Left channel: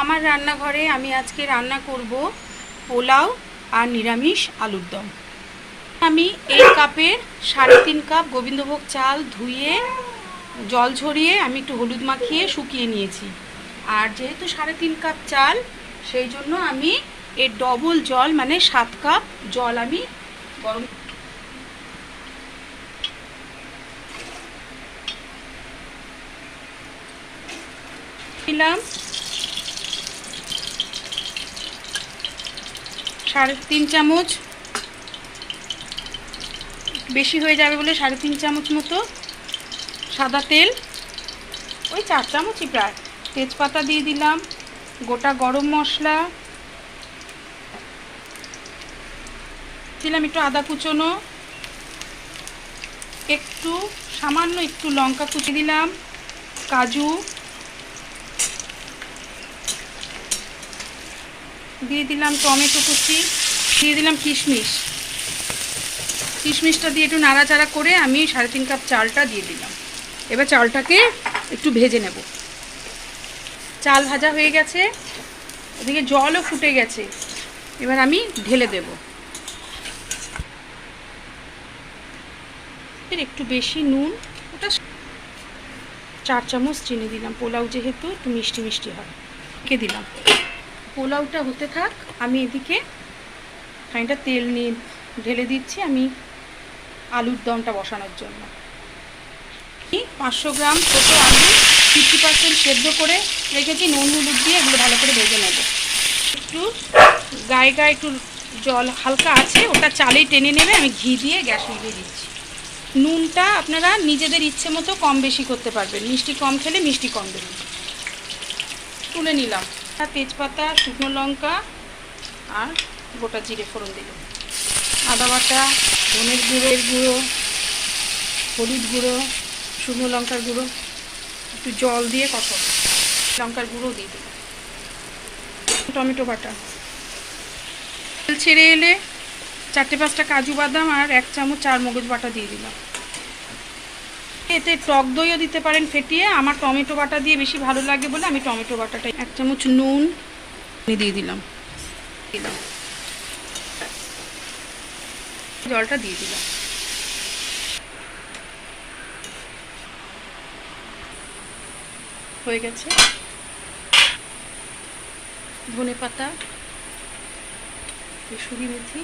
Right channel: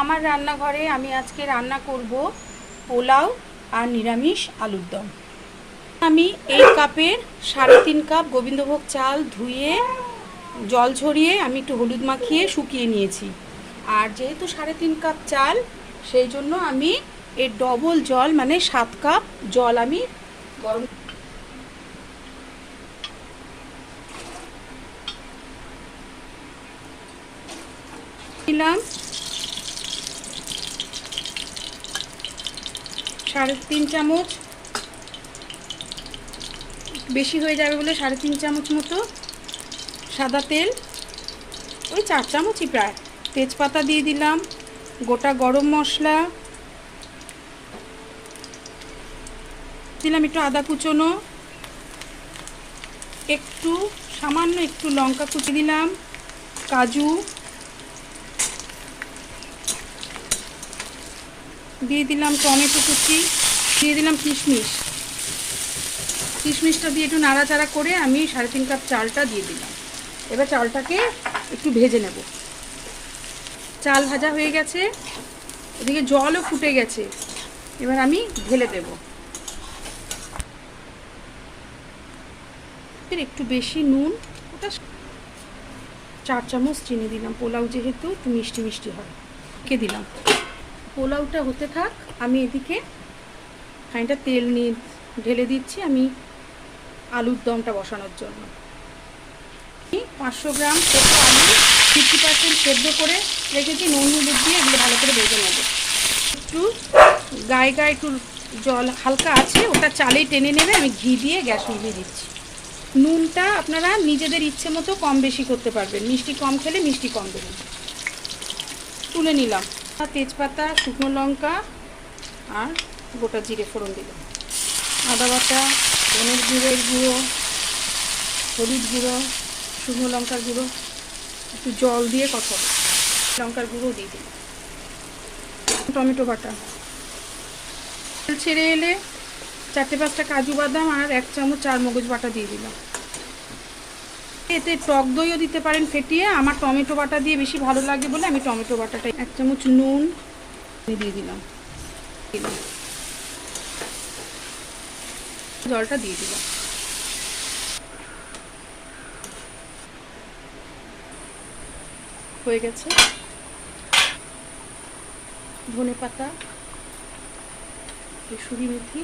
আমার রান্নাঘরে আমি আজকে রান্না করব পোলাও আর নিরামিষ আলুর দম। আমি এই কাপের 3.5 কাপ গোবিন্দভোগ চাল ধুয়ে জল ঝরিয়ে আমি একটু হলুদ মাখিয়ে শুকিয়ে নিয়েছি। আর যেহেতু 3.5 কাপ চাল, সেই জন্য আমি এর ডবল জল মানে 7 কাপ জল আমি গরম দিলাম। 3.5 চামচ, বেশি হয়ে যাবে বলে 3.5 চামচ মতো সাদা তেল, ওই 4 চামচই প্রায়। তেজপাতা দিয়ে দিলাম, গোটা গরম মশলা দিলাম, একটু আদা কুচোনো, একটু সামান্য একটু লঙ্কা কুচি দিলাম, কাজু দিয়ে দিলাম, টমেটো কুচি দিয়ে দিলাম, কিশমিশটা দিয়ে একটু নাড়াচাড়া করে আমি 3.5 কাপ চালটা দিয়ে দিলাম। এবার চালটাকে একটু ভেজে নেব। চাল ভাজা হয়ে গেছে, ওদিকে জলও ফুটে গেছে। এবার আমি ঢেলে দেব। একটু বেশি নুন, ওটা 4 চামচ চিনি দিলাম, পোলাও যেহেতু একটু মিষ্টি মিষ্টি হয়। কে দিলাম, পোলাওটা হতে থাক, আমি এদিকে খানিকটা তেল নিয়ে ঢেলে দিচ্ছি আমি আলুর দমটা বসানোর জন্য। 500 গ্রাম ছোট আলু 50% সেদ্ধ করে রেখেছি, নুন হলুদ দিয়ে এগুলো ভালো করে ভেজে নেব। একটু গায়ে গায়ে একটু জল হালকা আছে, ওটা চালেই টেনে নেবে। আমি ঘি দিয়ে গ্যাস নিভিয়ে দিচ্ছি। নুনটা আপনারা নিজেদের ইচ্ছে মতো কম বেশি করতে পারবেন, মিষ্টি কম খেলে মিষ্টি কম দেবেন। তুলে নিলাম। তেজপাতা, শুকনো লঙ্কা আর গোটা জিরে ফোড়ন দিলাম, আদা বাটা, ধনের গুঁড়ো, হলুদ গুঁড়ো, শুকনো লঙ্কার গুঁড়ো, একটু জল দিয়ে কষাবো। লঙ্কার গুঁড়ো দিয়ে দিলাম, টমেটো বাটা। তেল ছেড়ে এলে 4-5টা কাজু বাদাম আর 1 চামচ চারমগজ বাটা দিয়ে দিলাম। এতে টক দইও দিতে পারেন ফেটিয়ে, আমার টমেটো বাটা দিয়ে বেশি ভালো লাগে বলে আমি টমেটো বাটাটা। 1 চামচ নুন দিয়ে দিলাম, জলটা দিয়ে দিলাম। হয়ে গেছে। ধনে পাতা, কসুরি মেথি,